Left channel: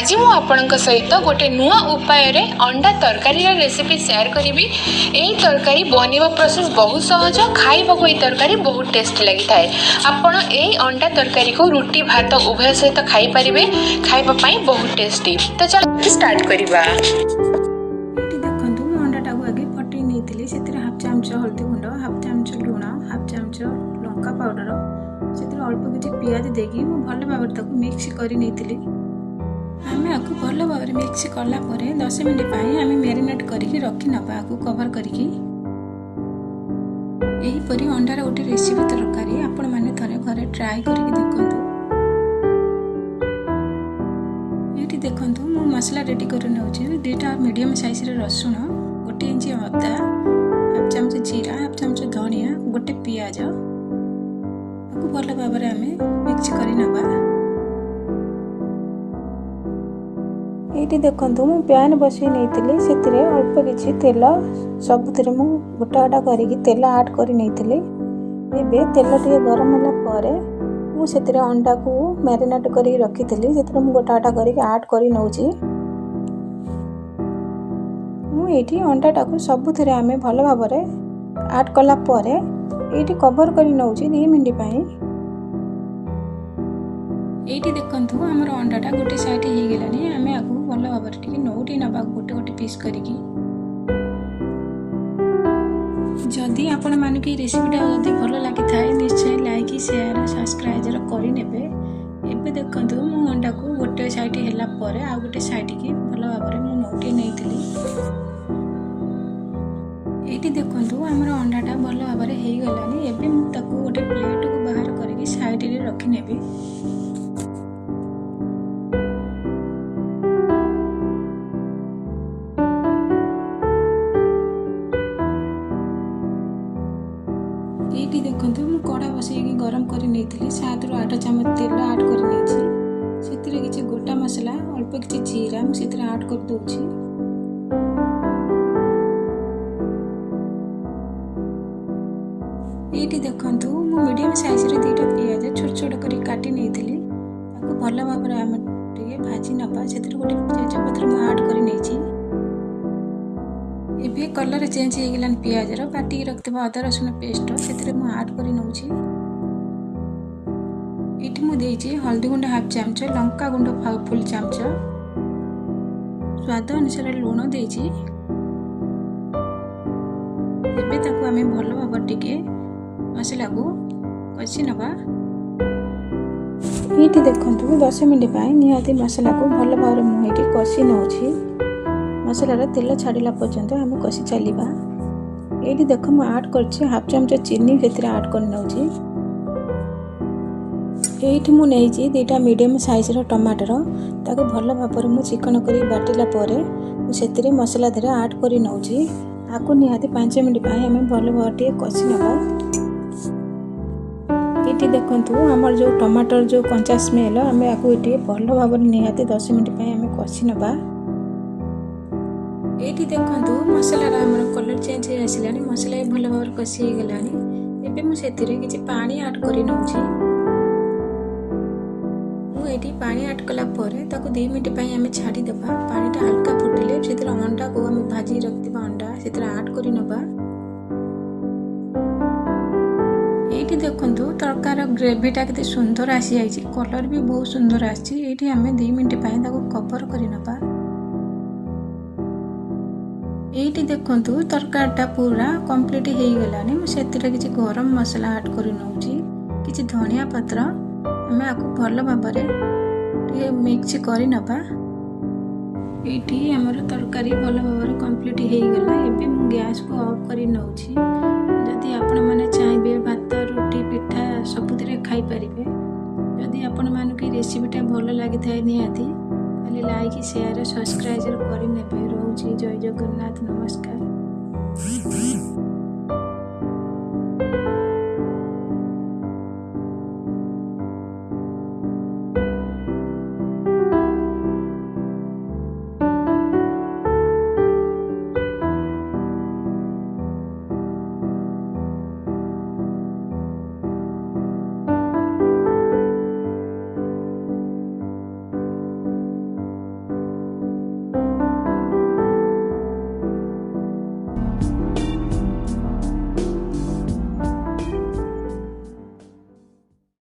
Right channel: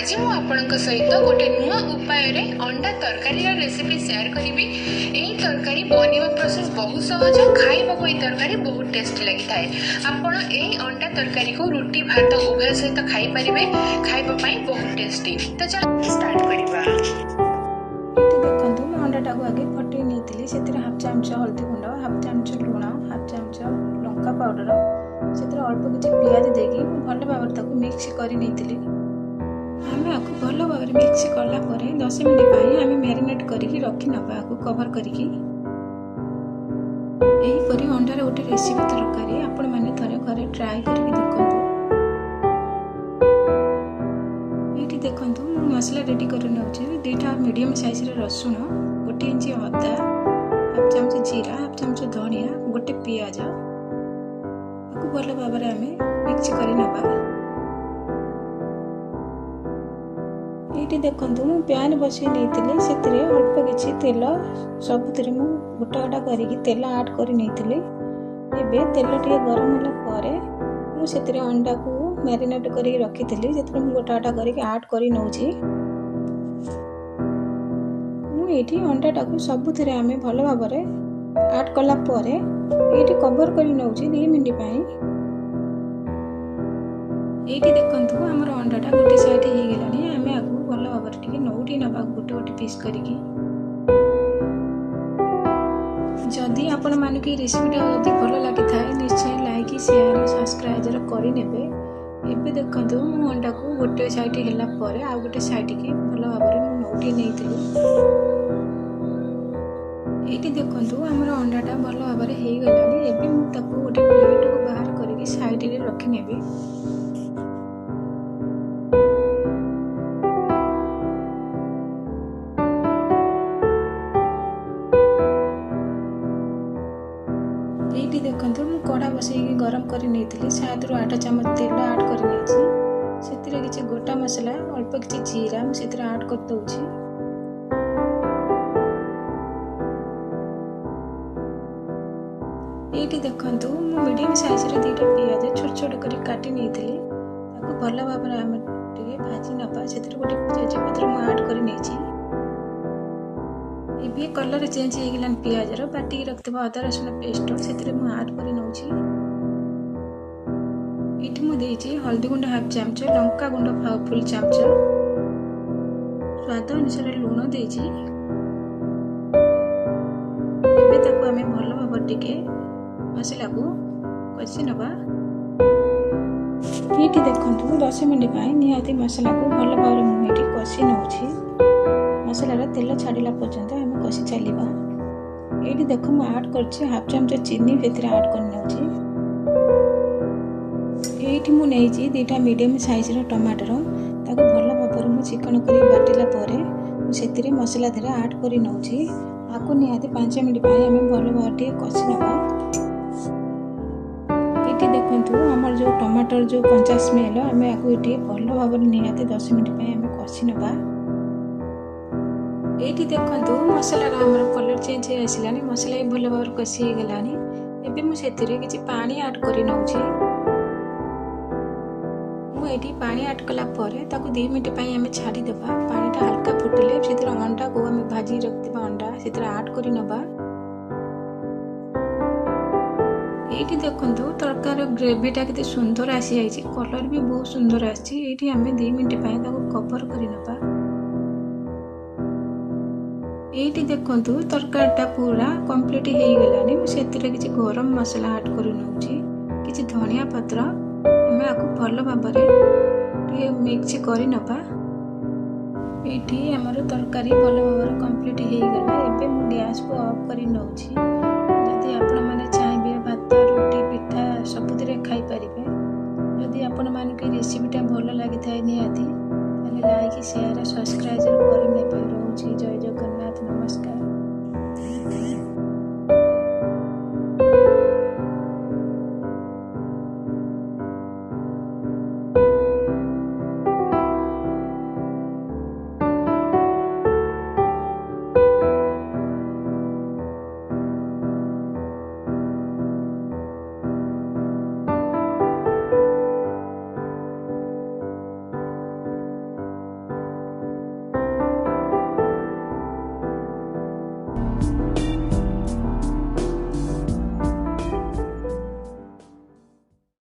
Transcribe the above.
आज मु आपणक सहित गोटे नुआ उपाय रे अंडा तरकारी रेसिपी शेयर करी। यही तरकारी बनवा प्रोसेस बहुत सहज, खाइबा को तरकारी बहुत टेस्ट लगी थाए। आपण यही अंडा तरकारी को रुटी भात उभय सहित खाई पारिबे, खाइबा पई बहुत टेस्टी। तो चल स्टार्ट करिबा। देखंतु मु अंडाटा को आगे फटै नेइतिली, सेतिर हाफ चमच हल्दी गुंड, हाफ चमच लूण, हाफ चमच लंका पाउडर, सेतिर अल्प किछि पियाज देकी मु भल भाबरे ताको मिक्स करि नेइतिली। आमे आकु भल भाबरे मिक्स करला परे 10 मिनिट पई आमे मैरिनेट करिकि रखि नबा, आकु कवर करिकि। एही परि अंडार गोटे रेसिपी तरकारी आपण माने थरे घरे ट्राई करिकि देखंतु। एठी देखंतु मु मसला रेडी करि नउछि। 2टा मीडियम साइज रे रसुण, 1 इंच अदा, हाफ चमच जीरा, हाफ चमच धनिया, गोटे पियाज आकु भल भाबरे आमे मिक्स करि नबा। एठी देखंतु मु पैन बसी नेइतिली, सेतिरे अल्प किछि तेल सबुतिरे मु गोटा गोटा करिकि तेल ऐड करि नेइतिली। एबे तेल टिके गरम होला परे मु सेतिरे अंडा को मैरिनेट करि रखितिली, सेतिरे मु गोटा गोटा करिकि ऐड करि नउछि। मु एठी अंडा टाको सबुतिरे आमे भल भाबरे ऐड कला परे एठी कवर करि नउछि 2 मिनिट पई। एठी देखंतु हमर अंडाटा गोटे साइड हे गेलानी, आमे आगु भल भाबरे टिके नौटी नबा गोटे गोटे पीस करिकि। जदि आपण माने की रेसिपीटा जदि भल लागि थाए निश्चय लाइक शेयर सब्सक्राइब करि नेबे। एबे देखंतु मु अंडा को गोटे साइड हेला परे आ गोटे साइड की भल भाबरे मु नौटी नेइतिली। एठी देखंतु हमर अंडाटा भल भाबरे हे गेलानी। एबे मु ताको गोटे प्लेट को बाहर करिकि साइड रे रखि नेबी। एठी देखंतु मु कड़ा बसैकी गरम करि नेइतिली। 7 रु 8 चमच तेल ऐड करि नेछि। सेतिरे किछि गोटा मसला अल्प किछि जीरा मु सेतिरे ऐड कर दोछि। एठी देखंतु मु मीडियम साइज रे 2टा पियाज छोट छोट करि काटि नेइतिली। ताको भल भाबरे आमे टिके भाजी नबा। सेतिरे गोटे तेजपत्र मु ऐड करि नेछि। एबे कलर चेंज हे गेलान पियाज रो, बाटी रखतबा अदा रसुन पेस्ट सेतिरे मु ऐड करि नउछि। एठी मु देछि हल्दी गुंड हाफ चमच, लंका गुंड फुल चमच, स्वाद अनुसार लूण देछि। एबे ताको आमे भलो भाबर टिके मसला को कछि नबा। एठी देखंतु 10 मिनिट पई निहाती मसला को भलो भाबर मु एठी कछि नउछि। मसला रे तेल छाड़िला पर्यंत आमे कसी चलीबा। एठी देखो मु ऐड करछि हाफ चमच चीनी सेतिरे ऐड कर नउछि। एठी मु नेछि 2टा मीडियम साइज रो टमाटर, ताको भलो भाबर मु चिकन करी बाटिला परे मु सेतिरे मसला धरे ऐड करि नउछि। आकु निहाती 5 मिनिट पई आमे भलो भाबर टिके कसी नबा। एठी देखंतु हमर जो टमाटर जो कंचा स्मेल आमे आकु एठी भलो भाबर निहाती 10 मिनिट पई आमे कसी नबा। एठी देखंतु मसला रा हमर कलर चेंज हे आसिलानी, मसला भी भल भाबर कसी हे गेलानी। एबे मु सेतिरे किछि पानी ऐड करि नउछि। मु एठी पानी ऐड कला परे ताको 2 मिनिट पई आमे छाडी देबा। पानीटा हल्का फुटिले सेतिरे अंडा को आमे भाजी रखतिबा अंडा सेतिरे ऐड करि नबा। एठी देखंतु तरकार ग्रेवीटा केते सुंदर आसी आइछि, कलर भी बहुत सुंदर आछि। एठी आमे 2 मिनिट पई ताको कवर करि नबा। एठी देखंतु तरकारीटा पूरा कंप्लीट हे गेलानी। मु सेतिरे किछि गरम मसला ऐड करि नउछि, किछि धनिया पत्र हमें आकु भल भाबरे टिके मिक्स करि नबा। एठी हमर तरकारी भल भाबरे कंप्लीट हे गेला। एबे मु गैस को ऑफ करि नउछि। जदि आपण माने चाहिबे भात रोटी पिठा सबुतिरे खाई परिबे। जदि आपण माने की रेसिपीटा भल लागि थाए निहाती ताले लाइक शेयर सब्सक्राइब करि नेबे। रहउछि जय जगन्नाथ, नमस्कार।